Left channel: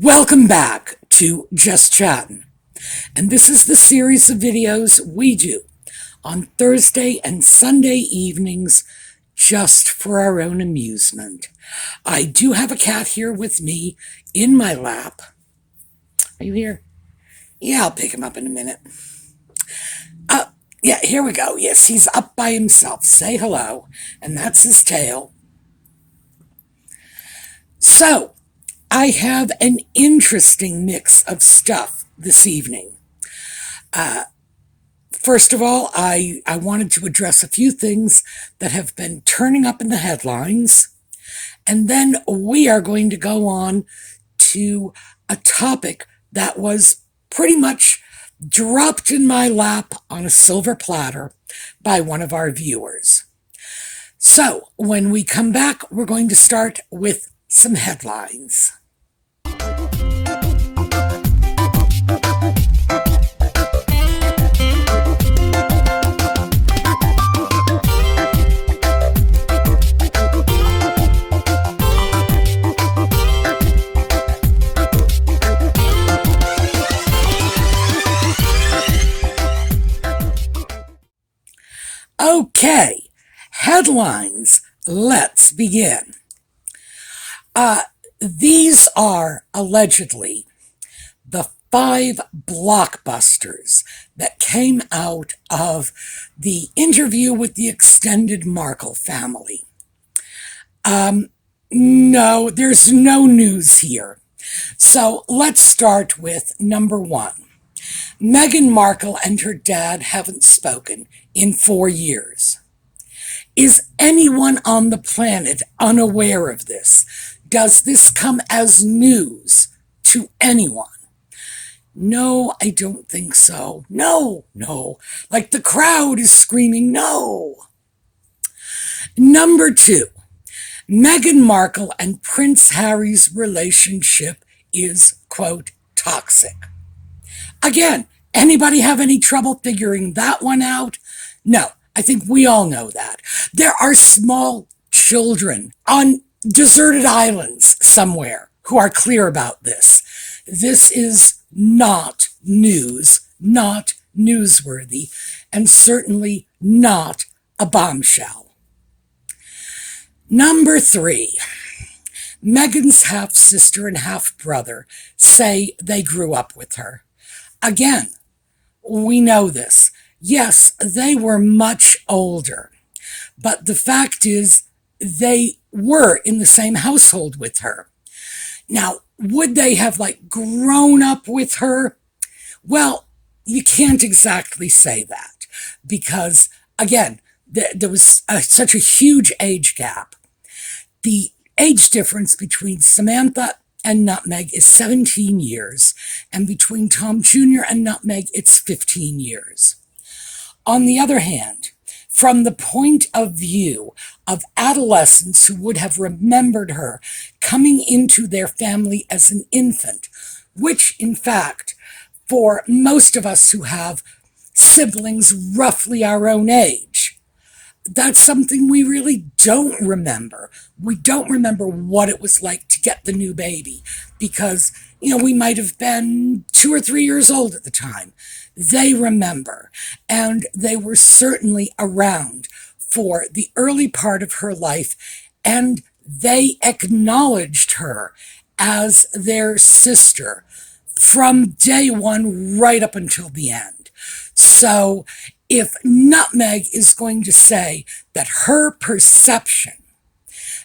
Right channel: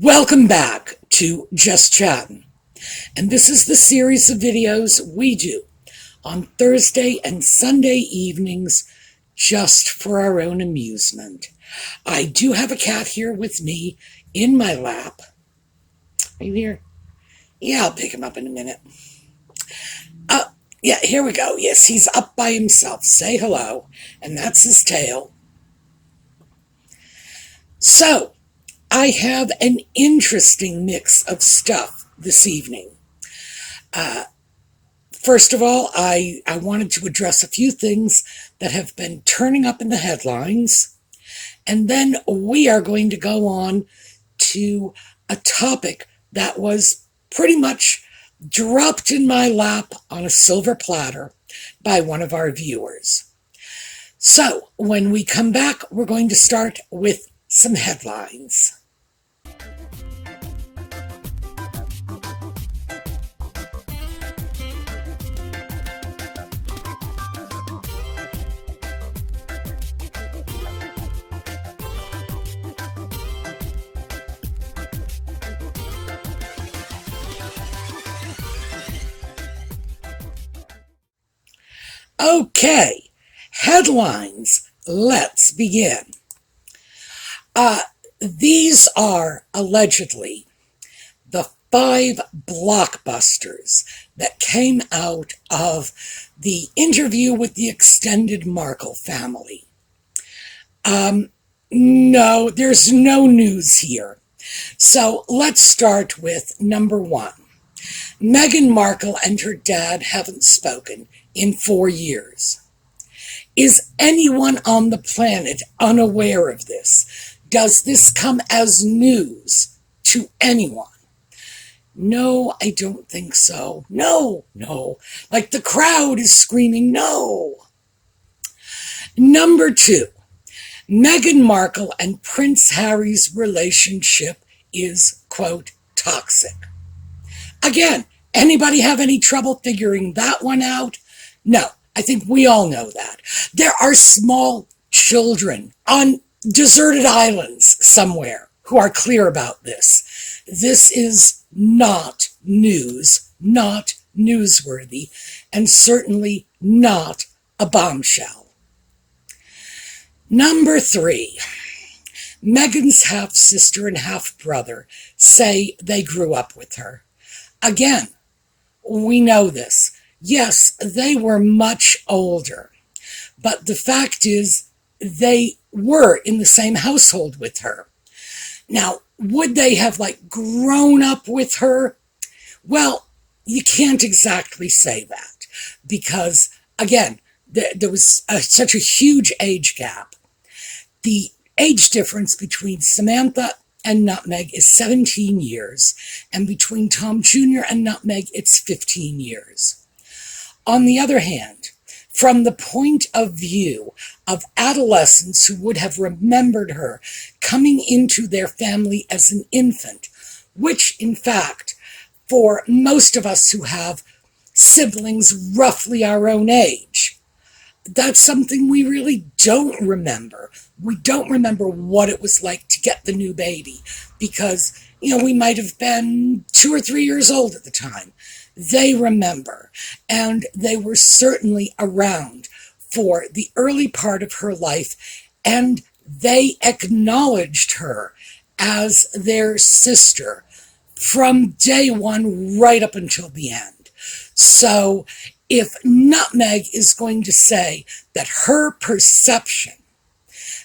Welcome back to Just Chattin', and this is the series of videos we do on Thursday and Sunday evenings just for our own amusement. I do have a cat here with me in my lap. Are you here? Yeah, I'll pick him up in a minute. Yeah, here we go. Yes, he's up by himself. Say hello, and that's his tail. So, I have an interesting mix of stuff this evening. First of all, I wanted to address a few things that have been turning up in the headlines. And then we are going to go on to a topic that was pretty much dropped in my lap on a silver platter by one of our viewers. So when we come back, we're going to start with some headlines. Okay, headlines. Let's begin. These are allegedly the 5 blockbusters that came out of the interview with the extended Markle family. No, there's no news here. So let's start with number 1. Meghan Markle and her dad haven't spoken in 4 years. Is anyone on the planet unaware of this? Does this come as news to anyone? No, I don't think so. No. Like the crowd is screaming, no. Number 2, Meghan Markle and Prince Harry's relationship is, quote, toxic. Again, anybody have any trouble figuring that one out? No, I think we all know that. There are small children on deserted islands somewhere who are clear about this. This is not news, not newsworthy, and certainly not a bombshell. Number 3, Meghan's half-sister and half-brother say they grew up with her. Again, we know this. Yes, they were much older, but the fact is they were in the same household with her. Now, would they have grown up with her? Well, you can't exactly say that because, again, there was such a huge age gap. The age difference between Samantha and Nutmeg is 17 years, and between Tom Jr. and Nutmeg, it's 15 years. On the other hand, from the point of view of adolescents who would have remembered her coming into their family as an infant, which, in fact, for most of us who have siblings roughly our own age, that's something we really don't remember. We don't remember what it was like to get the new baby because, we might have been 2 or 3 years old at the time. They remember, and they were certainly around for the early part of her life, and they acknowledged her as their sister from day one right up until the end. So if Nutmeg is going to say that her perception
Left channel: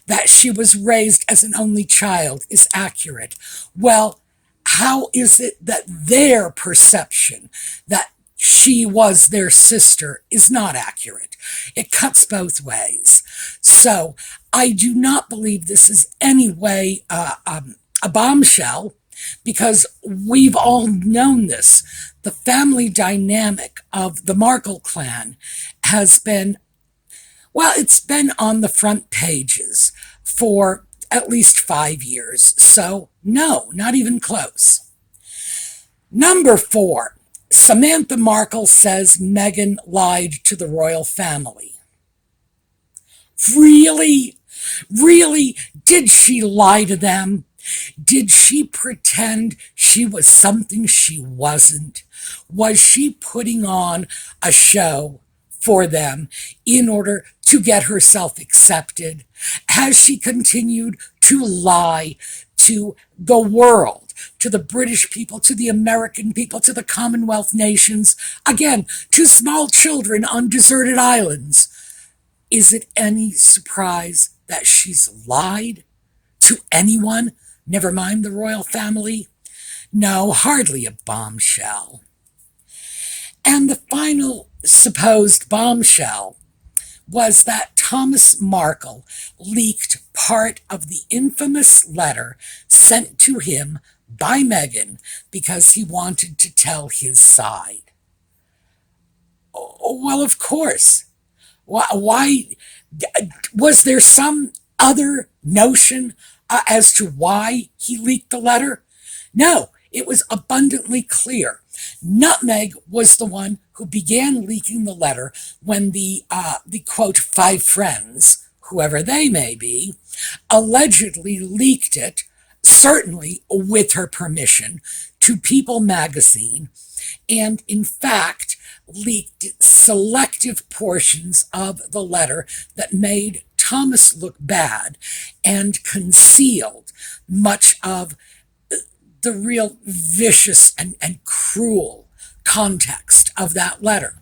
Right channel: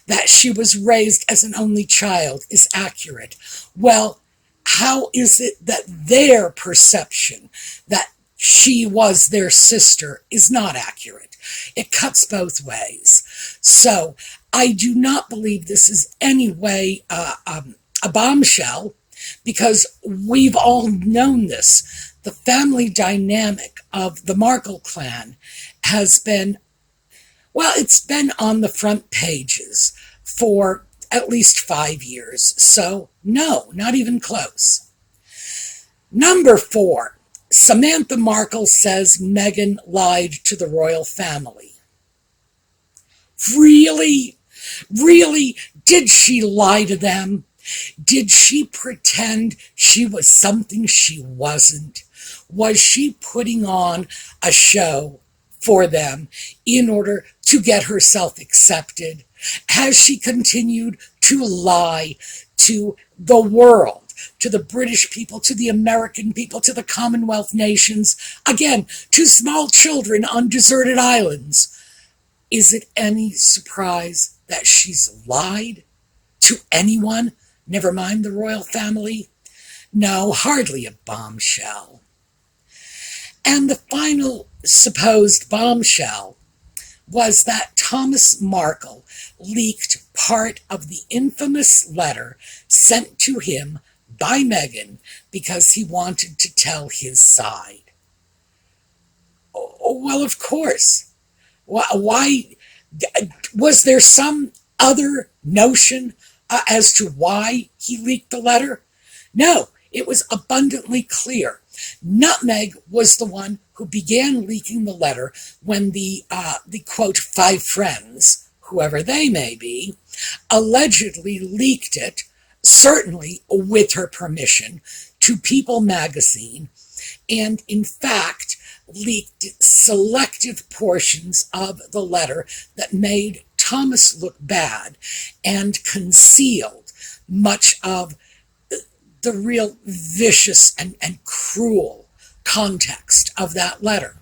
that she was raised as an only child is accurate, well, how is it that their perception that she was their sister is not accurate? It cuts both ways. So I do not believe this is any way a bombshell because we've all known this. The family dynamic of the Markle clan has been, it's been on the front pages for at least 5 years. So no, not even close. Number 4, Samantha Markle says Meghan lied to the royal family. Really? Did she lie to them? Did she pretend she was something she wasn't? Was she putting on a show for them in order to get herself accepted? Has she continued to lie to the world, to the British people, to the American people, to the Commonwealth nations, again, to small children on deserted islands? Is it any surprise that she's lied to anyone, never mind the royal family? No, hardly a bombshell. And the final supposed bombshell was that Thomas Markle leaked part of the infamous letter sent to him by Meghan because he wanted to tell his side. Well, of course. Why was there some other notion as to why he leaked the letter? No, it was abundantly clear. Nutmeg was the one who began leaking the letter when the quote 5 friends, whoever they may be, allegedly leaked it, certainly with her permission, to People magazine, and in fact leaked selective portions of the letter that made Thomas look bad and concealed much of the real vicious and cruel context of that letter.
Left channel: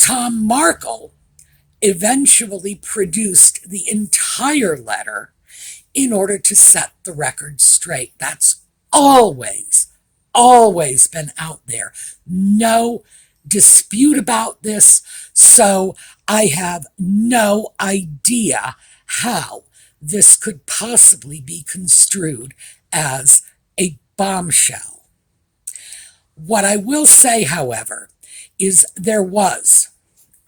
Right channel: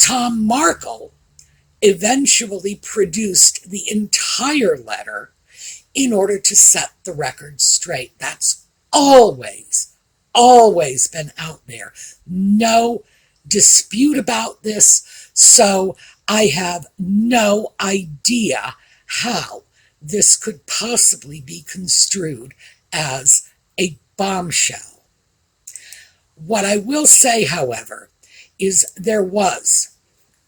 Tom Markle eventually produced the entire letter in order to set the record straight. That's always been out there. No dispute about this. So I have no idea how this could possibly be construed as a bombshell. What I will say, however, is there was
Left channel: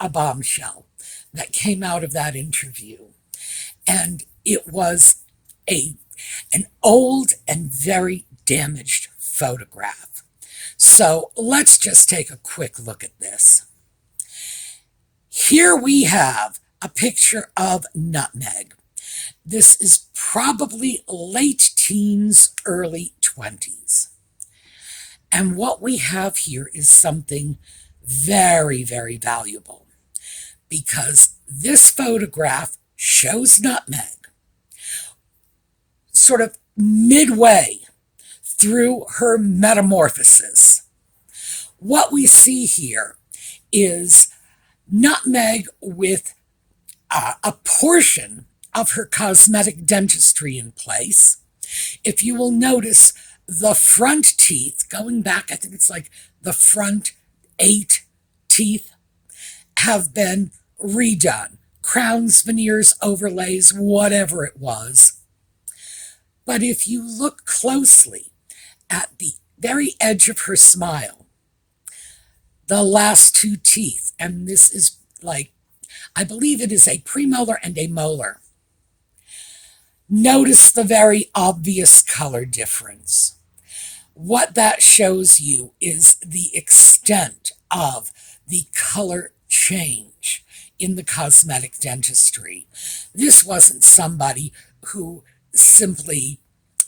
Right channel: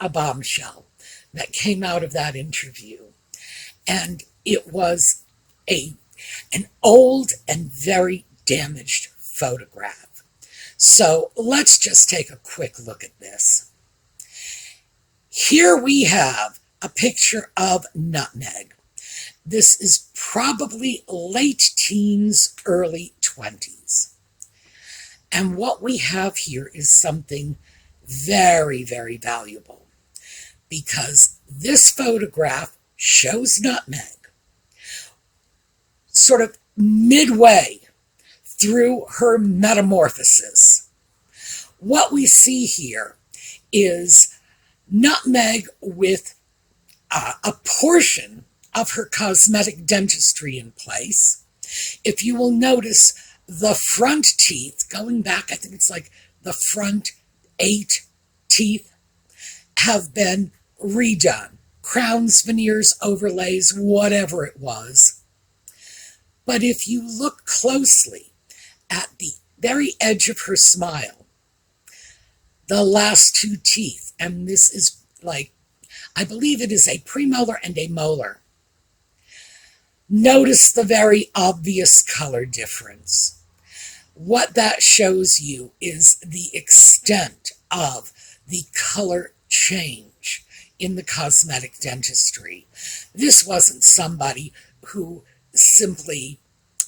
a bombshell that came out of that interview, and it was an old and very damaged photograph. So let's just take a quick look at this. Here we have a picture of Nutmeg. This is probably late teens, early 20s. And what we have here is something very, very valuable, because this photograph shows Nutmeg sort of midway through her metamorphosis. What we see here is Nutmeg with a portion of her cosmetic dentistry in place. If you will notice, the front teeth, going back, I think it's like the front 8 teeth, have been redone. Crowns, veneers, overlays, whatever it was. But if you look closely at the very edge of her smile, the last 2 teeth, and this is like, I believe it is a premolar and a molar. Notice the very obvious color difference. What that shows you is the extent of the color change in the cosmetic dentistry. This wasn't somebody who simply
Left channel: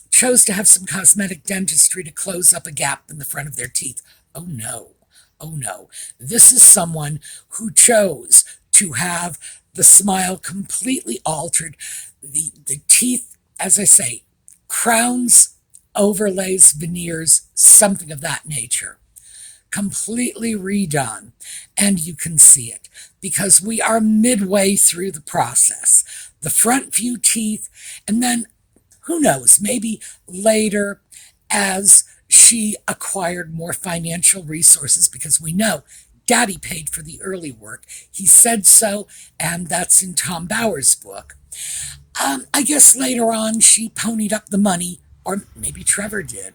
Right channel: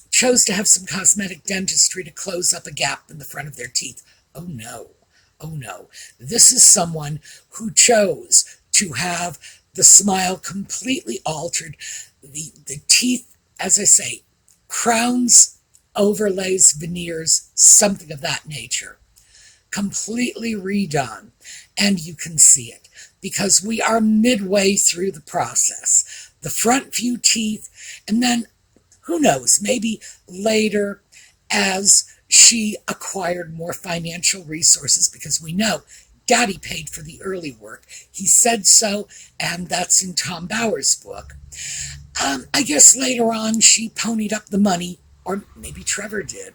chose to have some cosmetic dentistry to close up a gap in the front of their teeth. Oh no. Oh no. This is someone who chose to have the smile completely altered, the teeth, as I say, crowns, overlays, veneers, something of that nature, completely redone. And you can see it because we are midway through the process. The front few teeth, and then who knows, maybe later as she acquired more financial resources, because we know Daddy paid for the early work. He said so, and that's in Tom Bower's book. I guess later on she ponied up the money, or maybe Trevor did,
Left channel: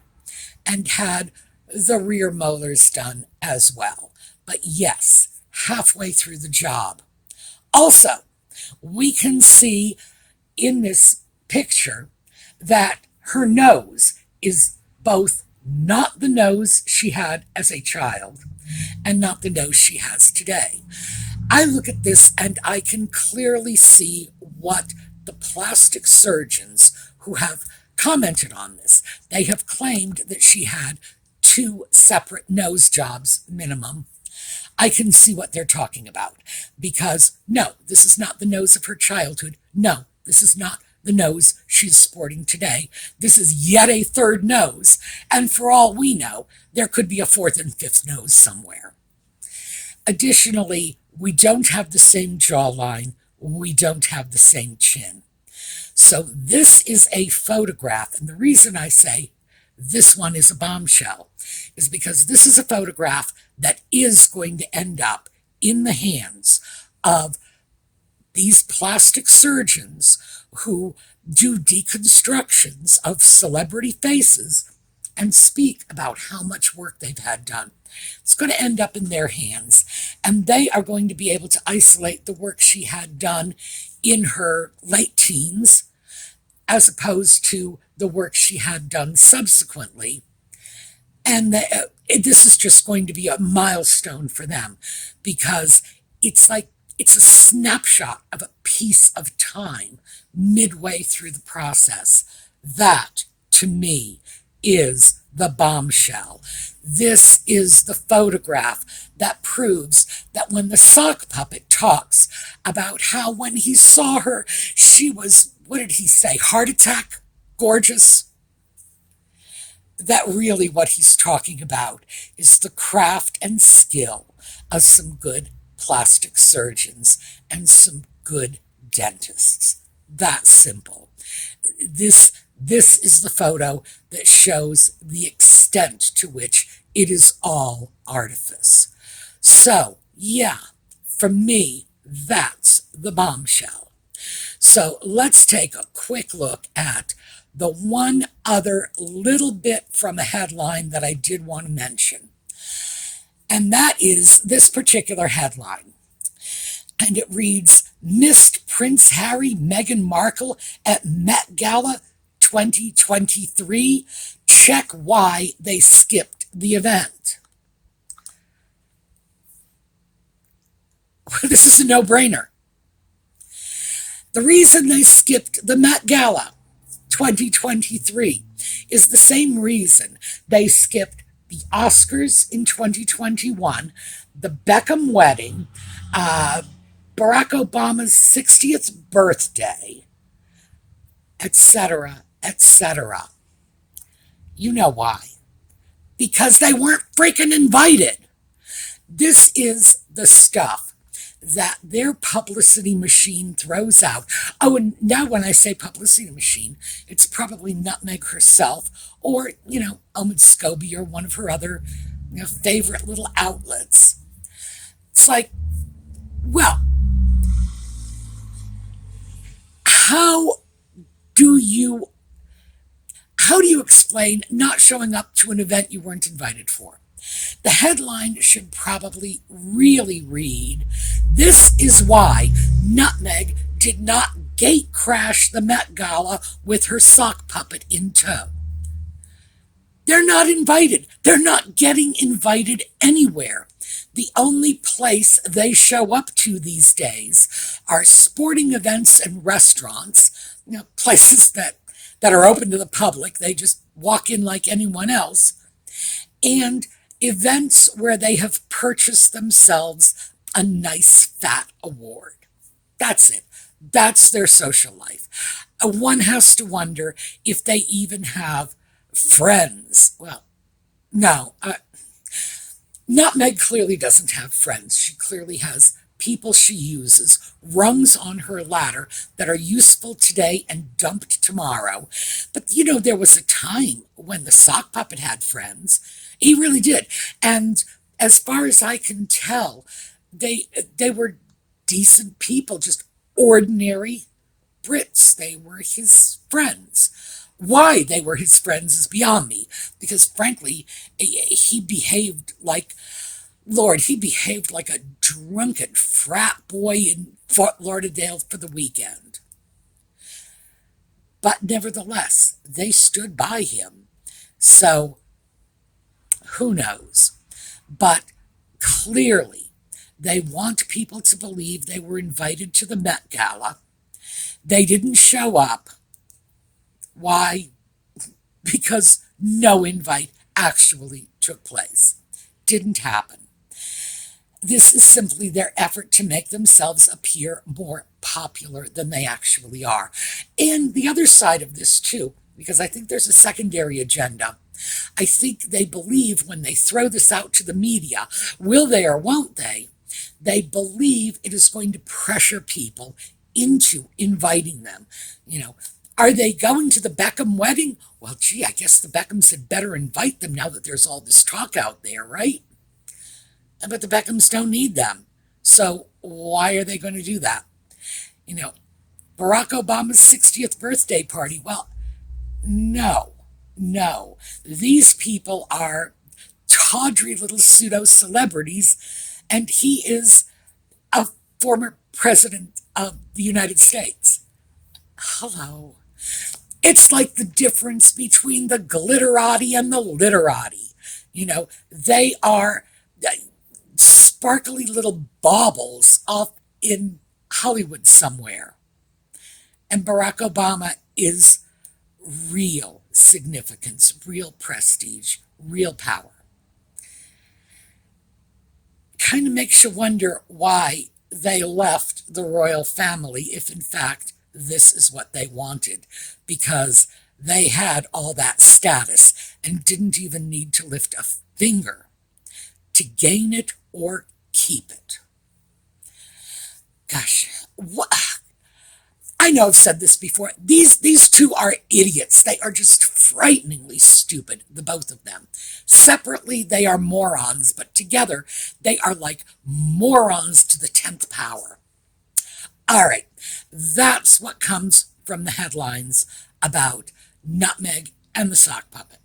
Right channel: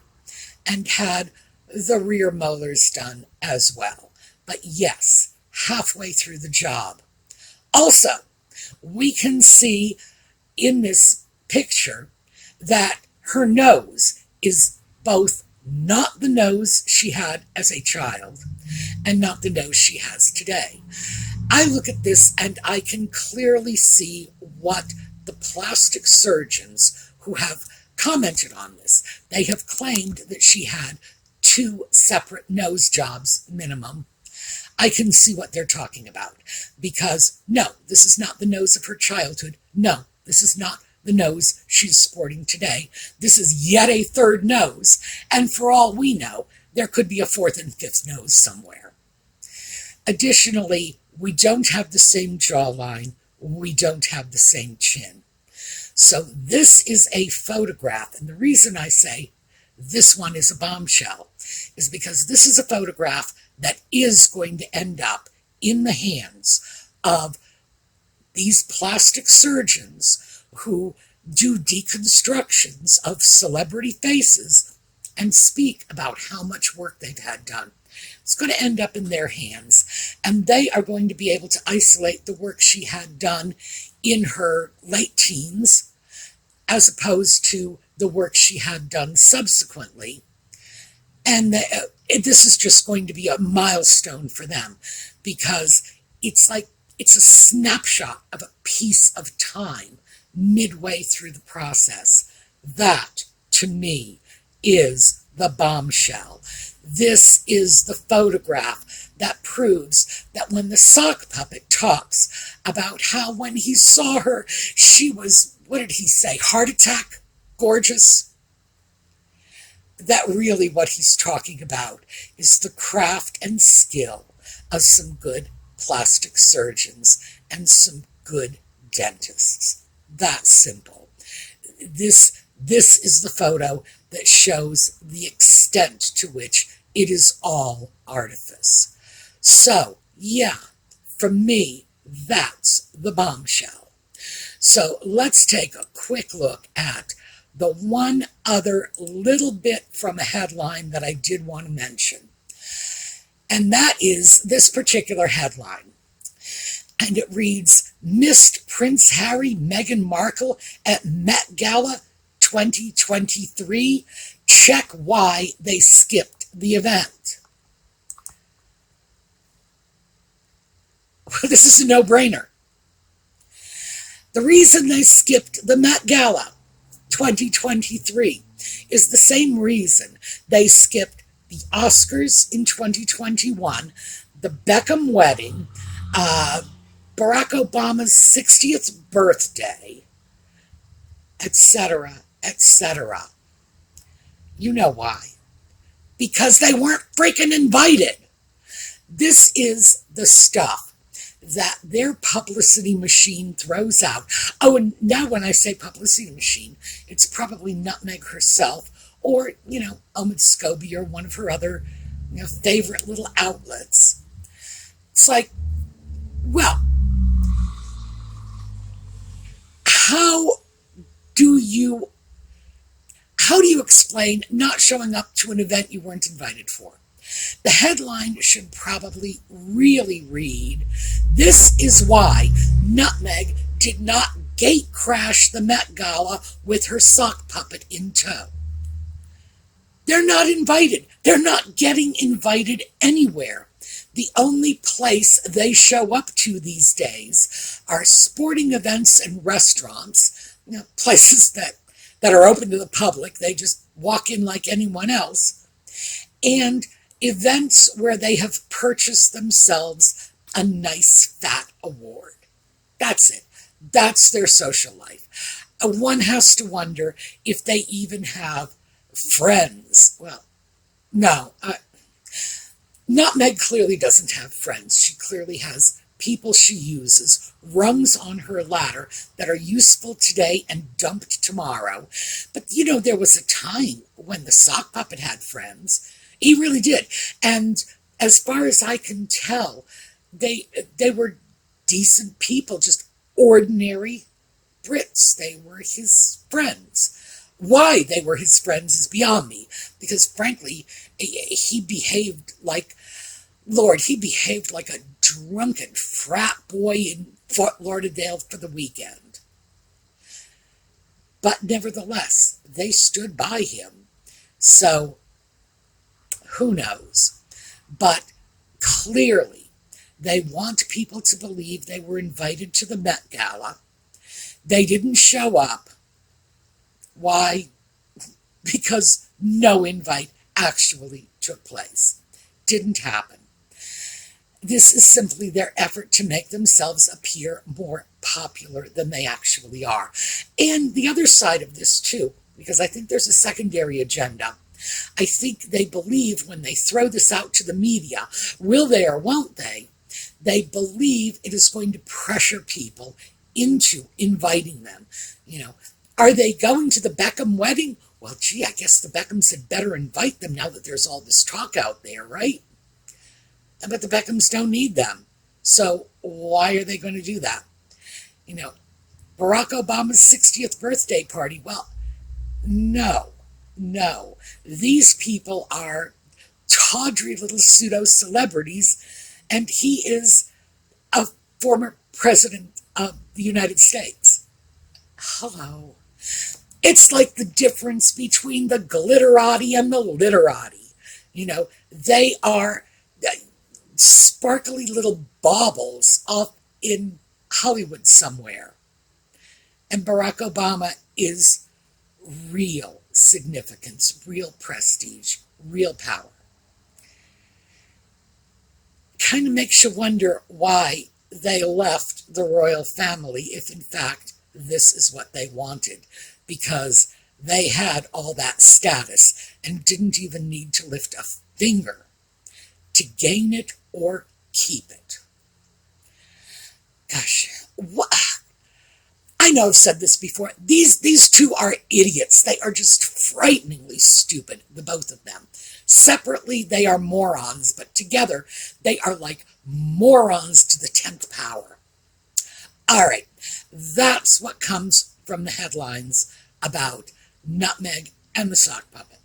and had the rear molars done as well. But yes, halfway through the job. Also, we can see in this picture that her nose is both not the nose she had as a child and not the nose she has today. I look at this and I can clearly see what the plastic surgeons who have commented on this. They have claimed that she had 2 separate nose jobs minimum. I can see what they're talking about, because no, this is not the nose of her childhood. No, this is not the nose she's sporting today. This is yet a third nose, and for all we know, there could be a fourth and fifth nose somewhere. Additionally, we don't have the same jawline. We don't have the same chin. So this is a photograph, and the reason I say this one is a bombshell is because this is a photograph that is going to end up in the hands of these plastic surgeons who do deconstructions of celebrity faces and speak about how much work they've had done. It's going to end up in their hands, and they are going to be able to isolate the work she had done in her late teens as opposed to the work she had done subsequently. And this is just going to be a milestone for them, because it's like it's a snapshot of a piece of time midway through the process. That, to me, is the bombshell. This is the photograph that proves that when the sock puppet talks about how when he saw her, she was, what did he say, heart attack, gorgeous? That really what he's talking about is the craft and skill of some good plastic surgeons and some good dentists. That simple. This is the photo that shows the extent to which it is all artifice. So, yeah, for me, that's the bombshell. So let's take a quick look at the one other little bit from a headline that I did want to mention. And that is this particular headline. And it reads, Missed Prince Harry, Meghan Markle at Met Gala 2023. Check why they skipped the event. This is a no-brainer. The reason they skipped the Met Gala 2023 is the same reason they skipped the Oscars in 2021, the Beckham wedding, Barack Obama's 60th birthday, etc., etc. You know why. Because they weren't freaking invited. This is the stuff that their publicity machine throws out. Oh, and now when I say publicity machine, it's probably Nutmeg herself or, Omid Scobie or one of her other, favorite little outlets. It's like, well, how do you explain not showing up to an event you weren't invited for? The headline should probably really read, This is why Nutmeg did not gate crash the Met Gala with her sock puppet in tow. They're not invited. They're not getting invited anywhere. The only place they show up to these days are sporting events and restaurants, places that are open to the public. They just walk in like anyone else. And events where they have purchased themselves a nice fat award. That's it. That's their social life. One has to wonder if they even have friends. Well, no. Nutmeg clearly doesn't have friends. She clearly has people she uses, rungs on her ladder that are useful today and dumped tomorrow. But, there was a time when the sock puppet had friends. He really did. And as far as I can tell, they were decent people, just ordinary Brits. They were his friends. Why they were his friends is beyond me, because frankly, he behaved like a drunken frat boy in Fort Lauderdale for the weekend. But nevertheless, they stood by him. So, who knows? But clearly, they want people to believe they were invited to the Met Gala. They didn't show up. Why? because no invite actually took place. Didn't happen. This is simply their effort to make themselves appear more popular than they actually are. And the other side of this, too, because I think there's a secondary agenda. I think they believe when they throw this out to the media, will they or won't they believe it is going to pressure people into inviting them. You know, are they going to the Beckham wedding? Well, gee, I guess the Beckhams had better invite them now that there's all this talk out there, right? But the Beckhams don't need them. So why are they going to do that? You know, Barack Obama's 60th birthday party. Well, no, no. These people are tawdry little pseudo celebrities, and he is a former president of the United States. Hello. It's like the difference between the glitterati and the literati. You know, they are sparkly little baubles off in Hollywood somewhere. And Barack Obama is real significance, real prestige, real power. Kind of makes you wonder why they left the royal family if, in fact, this is what they wanted, because they had all that status and didn't even need to lift a finger to gain it or keep it. Gosh, what? I know I've said this before. These two are idiots. They are just frighteningly stupid, the both of them. Separately, they are morons, but together, they are like morons to the 10th power. All right, that's what comes from the headlines about Nutmeg and the sock puppet.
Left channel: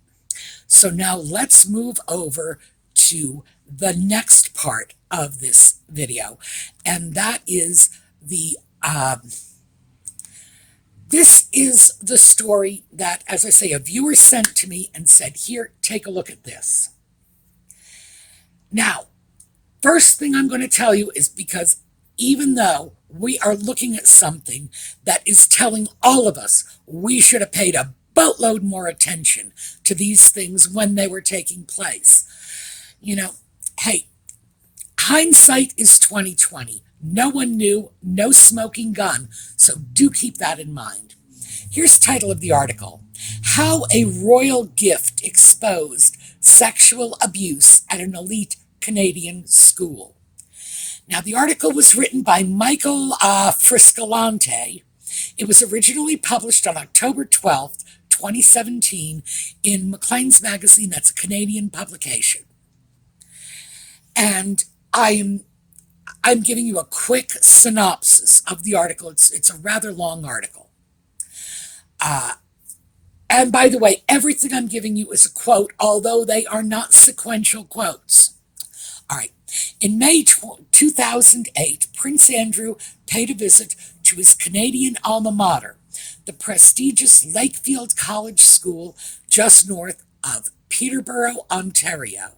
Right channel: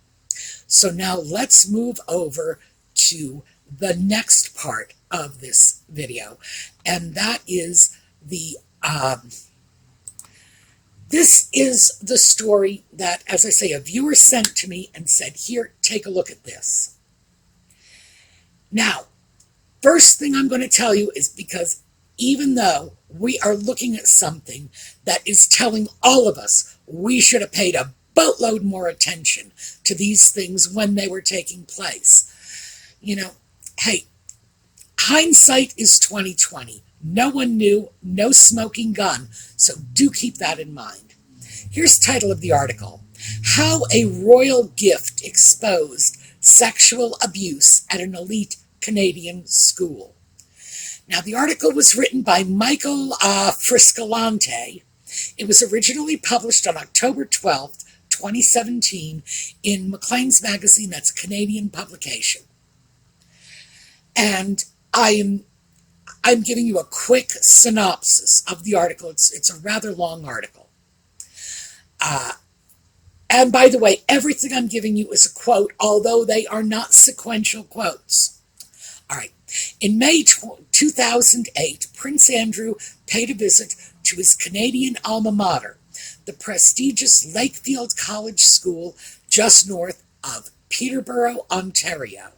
So now let's move over to the next part of this video, and that is this is the story that, as I say, a viewer sent to me and said, here, take a look at this. Now, first thing I'm going to tell you is because even though we are looking at something that is telling all of us we should have paid a boatload more attention to these things when they were taking place. You know, hey, hindsight is 2020. No one knew, no smoking gun, so do keep that in mind. Here's the title of the article: How a Royal Gift Exposed Sexual Abuse at an Elite Canadian School. Now, the article was written by Michael Friscalante. It was originally published on October 12th, 2017 in Maclean's Magazine. That's a Canadian publication. And I'm giving you a quick synopsis of the article. It's a rather long article. And by the way, everything I'm giving you is a quote, although they are not sequential quotes. All right. In May 2008, Prince Andrew paid a visit to his Canadian alma mater, the prestigious Lakefield College School just north of Peterborough, Ontario.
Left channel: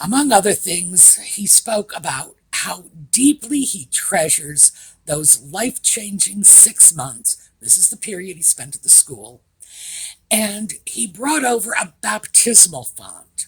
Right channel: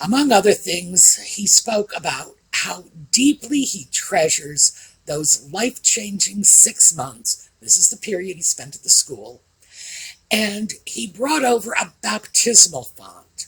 Among other things, he spoke about how deeply he treasures those life-changing 6 months. This is the period he spent at the school. And he brought over a baptismal font.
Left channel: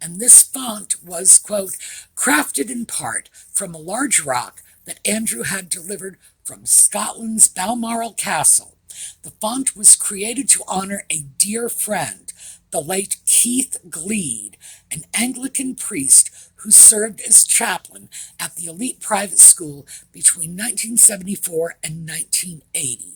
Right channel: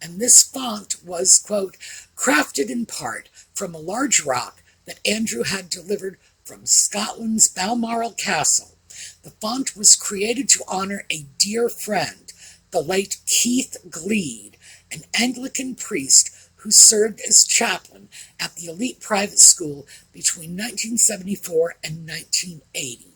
And this font was, quote, crafted in part from a large rock that Andrew had delivered from Scotland's Balmoral Castle. The font was created to honor a dear friend, the late Keith Gleed, an Anglican priest who served as chaplain at the elite private school between 1974 and 1980.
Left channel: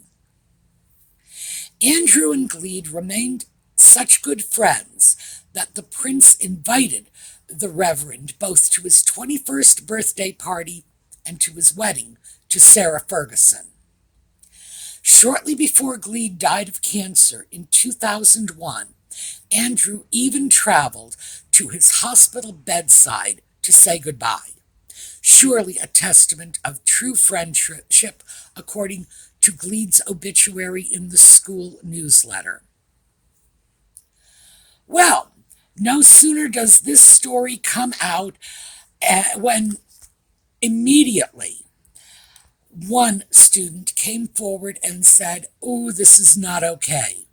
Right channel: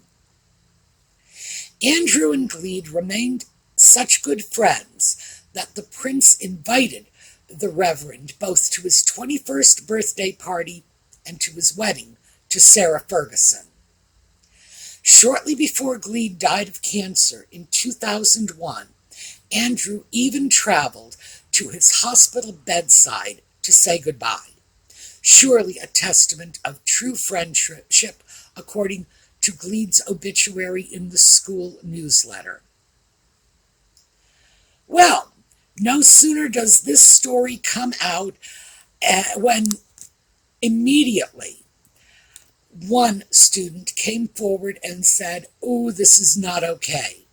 Andrew and Gleed remained such good friends that the prince invited the Reverend both to his 21st birthday party and to his wedding to Sarah Ferguson. Shortly before Gleed died of cancer in 2001, Andrew even traveled to his hospital bedside to say goodbye. Surely a testament of true friendship, according to Gleed's obituary in the school newsletter. Well, no sooner does this story come out when immediately one student came forward and said, "Oh, this is not okay."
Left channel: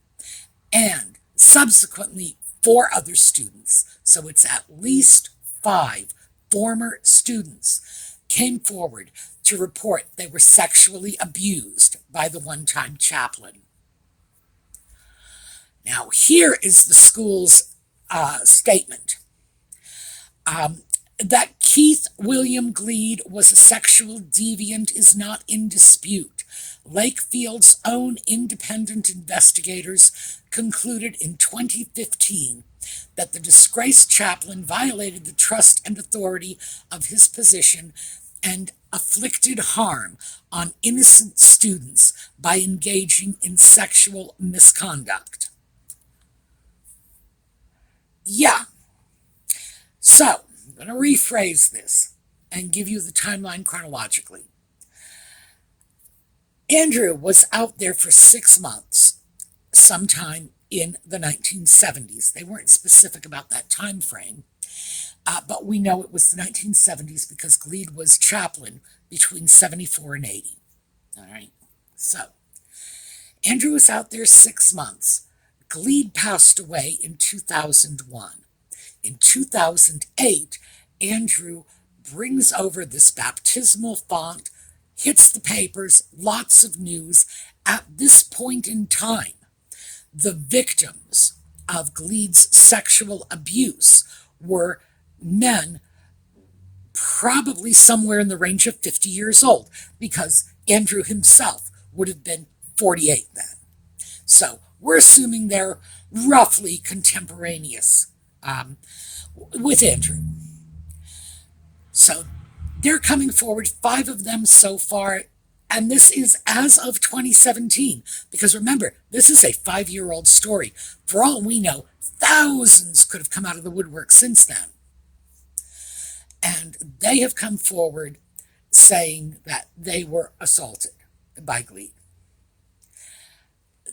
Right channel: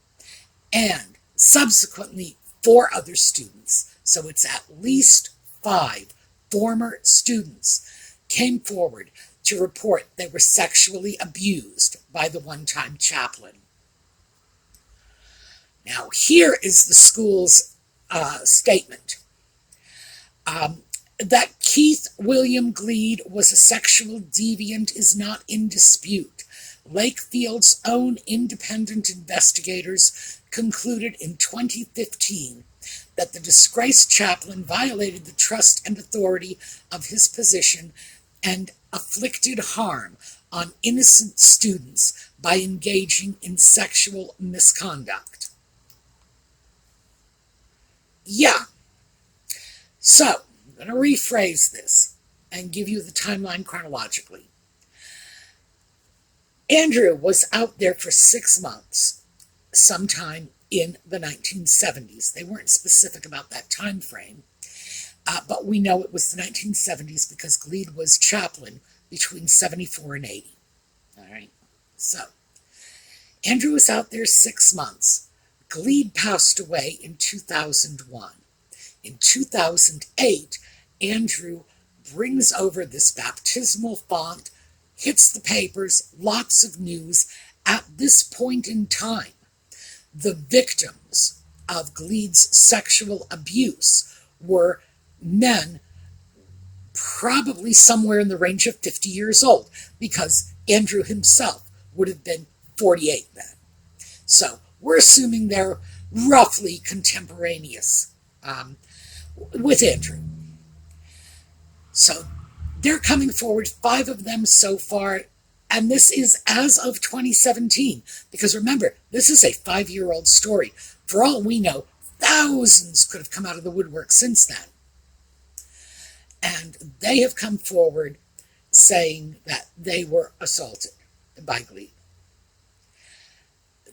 and subsequently 4 other students, so it's at least 5 former students, came forward to report they were sexually abused by the one-time chaplain. Now, here is the school's statement. That Keith William Gleed was a sexual deviant is not in dispute. Lakefield's own independent investigators concluded in 2015 that the disgraced chaplain violated the trust and authority of his position and afflicted harm on innocent students by engaging in sexual misconduct. Yeah. So, I'm going to rephrase this and give you the timeline chronologically. Andrew was out there for 6 months, sometime in the 1970s. They weren't specific about that time frame, but we know it was the 1970s because Gleed was chaplain between 74 and 80. All right, so Andrew was out there 6 months. Gleed passed away in 2001. In 2008, Andrew brings over this baptismal font, hits the papers, lots of news. At this point in time, the victims of Gleed's sexual abuse were men probably somewhere in the range of 50 years old, because Andrew himself would have been 48 then. So we're assuming they're roughly contemporaneous with Andrew. So they're coming forward, 5 of them so far, and this is as of 2017, because remember, this is a 5-year-old story. For all we know, thousands could have come out of the woodwork since then. And they have come forward saying that they were assaulted by Gleed.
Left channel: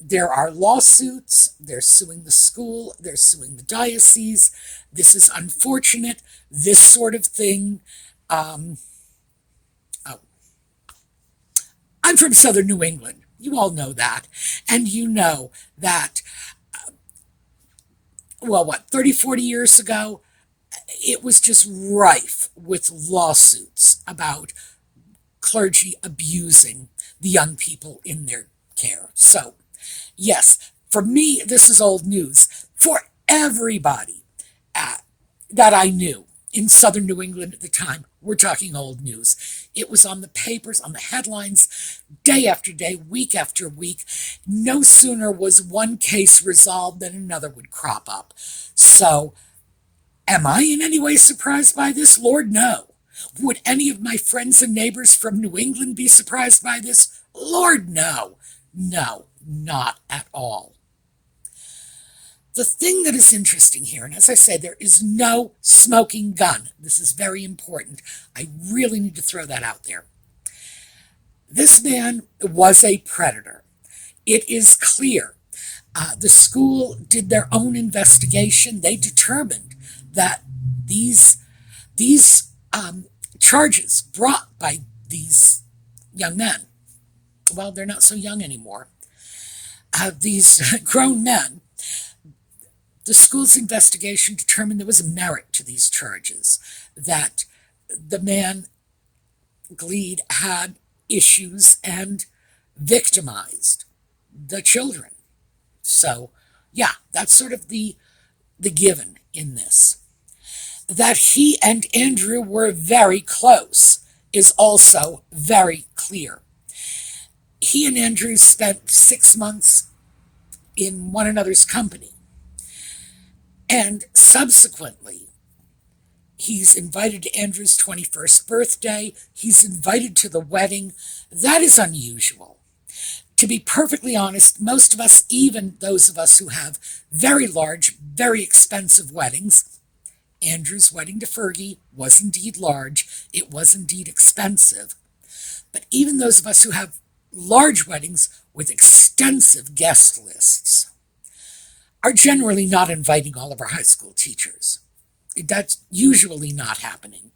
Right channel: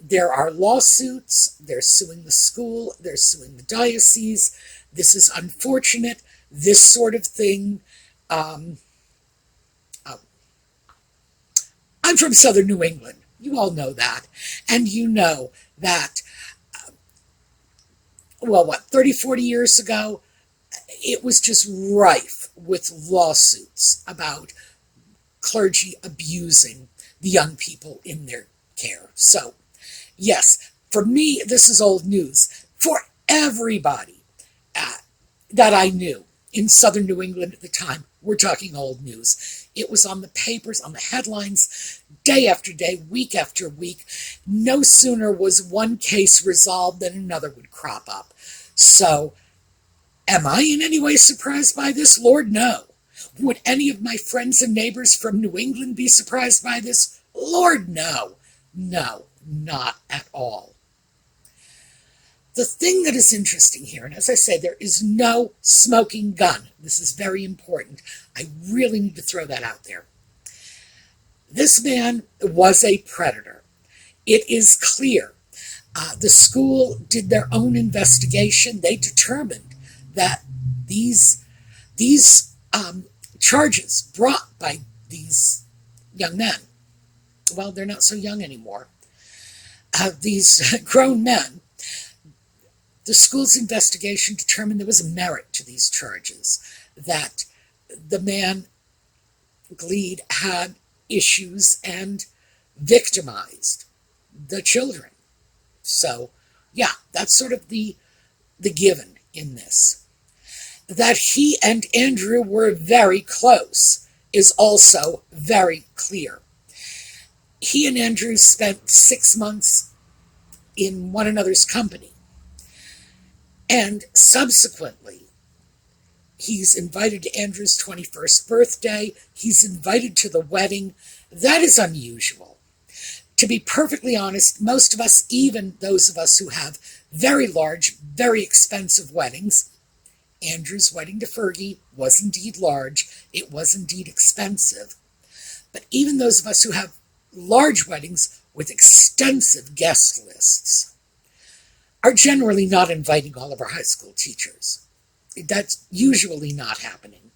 There are lawsuits, they're suing the school, they're suing the diocese. This is unfortunate, this sort of thing. I'm from southern New England. You all know that. And you know that, 30, 40 years ago, it was just rife with lawsuits about clergy abusing the young people in their care. So, yes, for me, this is old news. For everybody that I knew in southern New England at the time, we're talking old news. It was on the papers, on the headlines, day after day, week after week. No sooner was one case resolved than another would crop up. So, am I in any way surprised by this? Lord, no. Would any of my friends and neighbors from New England be surprised by this? Lord, no. No, not at all. The thing that is interesting here, and as I say, there is no smoking gun. This is very important. I really need to throw that out there. This man was a predator. It is clear. The school did their own investigation. They determined that these charges brought by these young men, well, they're not so young anymore, these grown men, the school's investigation determined there was a merit to these charges, that the man, Gleed, had issues and victimized the children. So, yeah, that's sort of the given in this. That he and Andrew were very close is also very clear. He and Andrew spent 6 months in one another's company. And subsequently, he's invited to Andrew's 21st birthday. He's invited to the wedding. That is unusual. To be perfectly honest, most of us, even those of us who have very large, very expensive weddings, Andrew's wedding to Fergie was indeed large. It was indeed expensive. But even those of us who have large weddings with extensive guest lists are generally not inviting all of our high school teachers. That's usually not happening.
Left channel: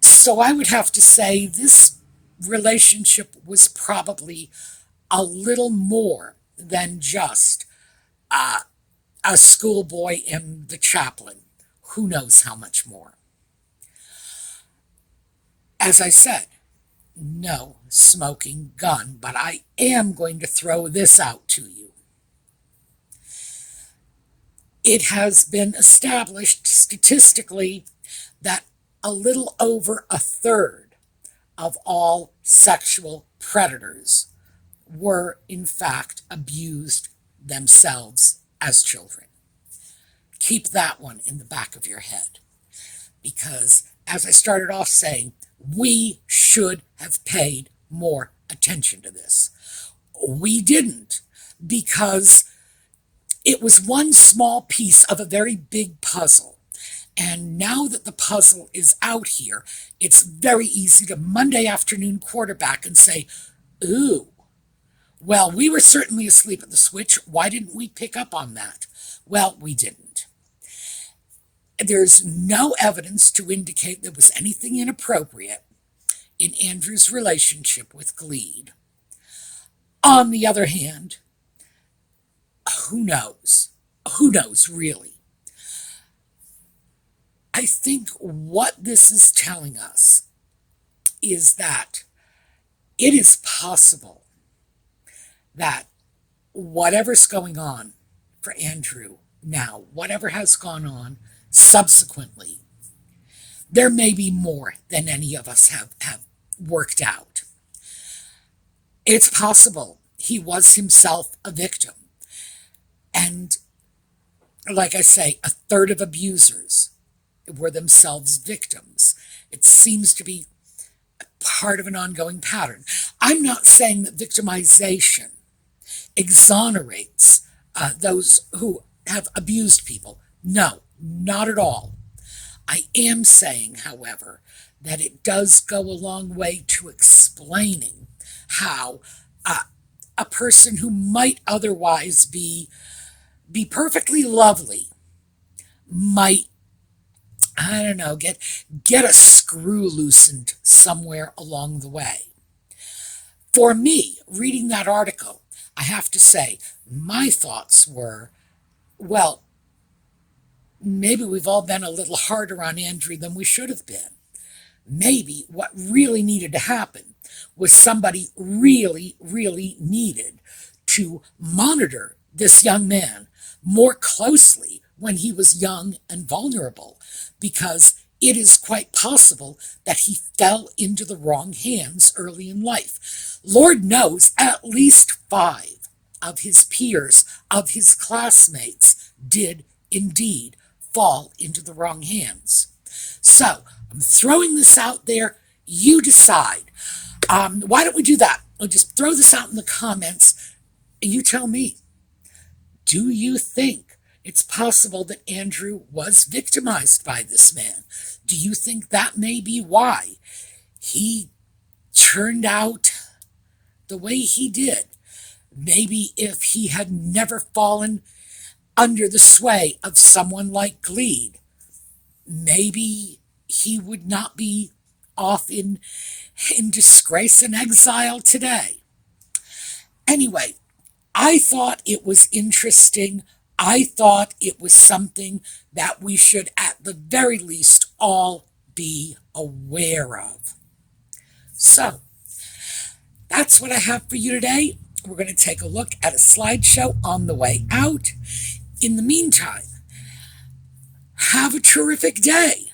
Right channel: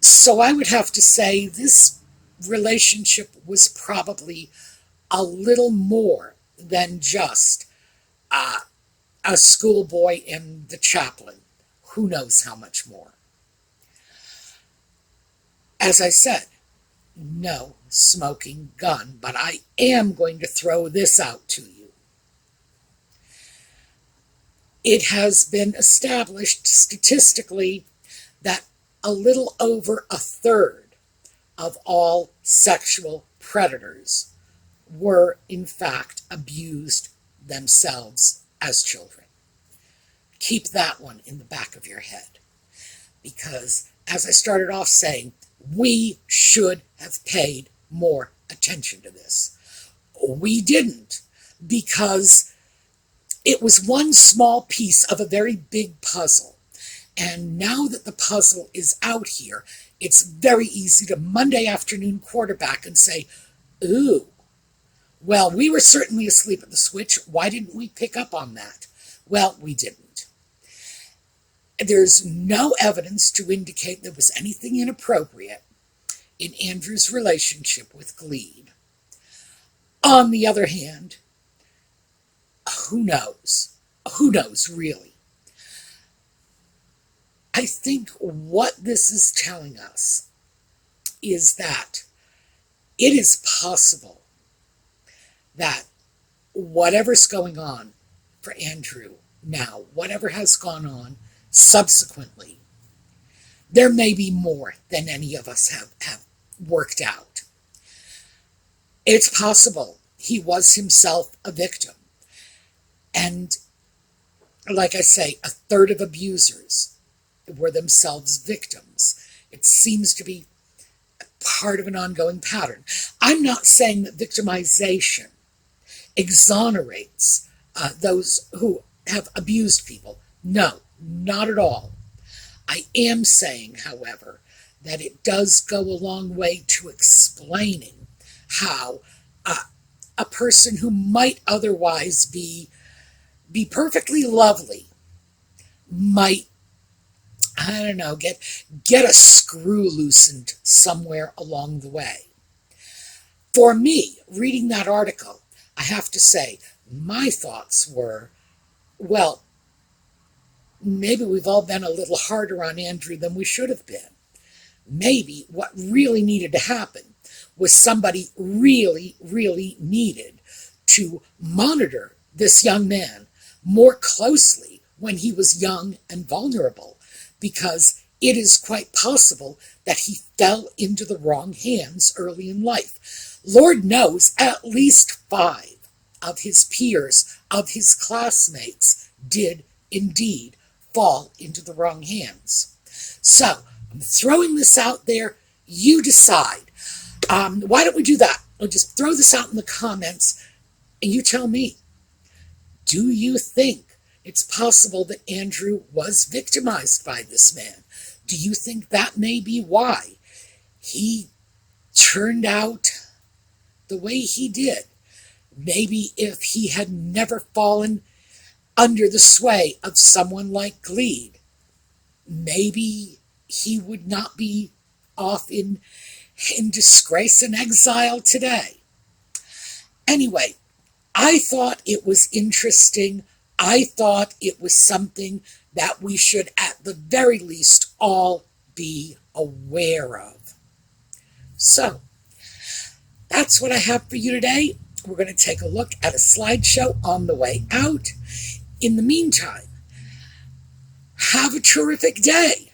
So I would have to say this relationship was probably a little more than just a schoolboy and the chaplain. Who knows how much more? As I said, no smoking gun, but I am going to throw this out to you. It has been established statistically that a little over a third of all sexual predators were, in fact, abused themselves as children. Keep that one in the back of your head. Because, as I started off saying, we should have paid more attention to this. We didn't, because it was one small piece of a very big puzzle. And now that the puzzle is out here, it's very easy to Monday afternoon quarterback and say, ooh, well, we were certainly asleep at the switch. Why didn't we pick up on that? Well, we didn't. There's no evidence to indicate there was anything inappropriate in Andrew's relationship with Gleed. On the other hand, who knows? Who knows, really? I think what this is telling us is that it is possible that whatever's going on for Andrew now, whatever has gone on subsequently, there may be more than any of us have worked out. It's possible he was himself a victim. And like I say, a third of abusers were themselves victims. It seems to be part of an ongoing pattern. I'm not saying that victimization exonerates those who have abused people. No, not at all. I am saying, however, that it does go a long way to explaining how a person who might otherwise be perfectly lovely might, I don't know, get a screw loosened somewhere along the way. For me, reading that article, I have to say, my thoughts were, well, maybe we've all been a little harder on Andrew than we should have been. Maybe what really needed to happen was somebody really, really needed to monitor this young man more closely when he was young and vulnerable, because it is quite possible that he fell into the wrong hands early in life. Lord knows at least 5 of his peers, of his classmates, did indeed fall into the wrong hands. So, I'm throwing this out there. You decide. Why don't we do that? I'll just throw this out in the comments, and you tell me. Do you think it's possible that Andrew was victimized by this man? Do you think that may be why he turned out the way he did? Maybe if he had never fallen under the sway of someone like Gleed, maybe he would not be off in disgrace and exile today. Anyway, I thought it was interesting. I thought it was something that we should, at the very least, all be aware of. So, that's what I have for you today. We're going to take a look at a slideshow on the way out. In the meantime, have a terrific day.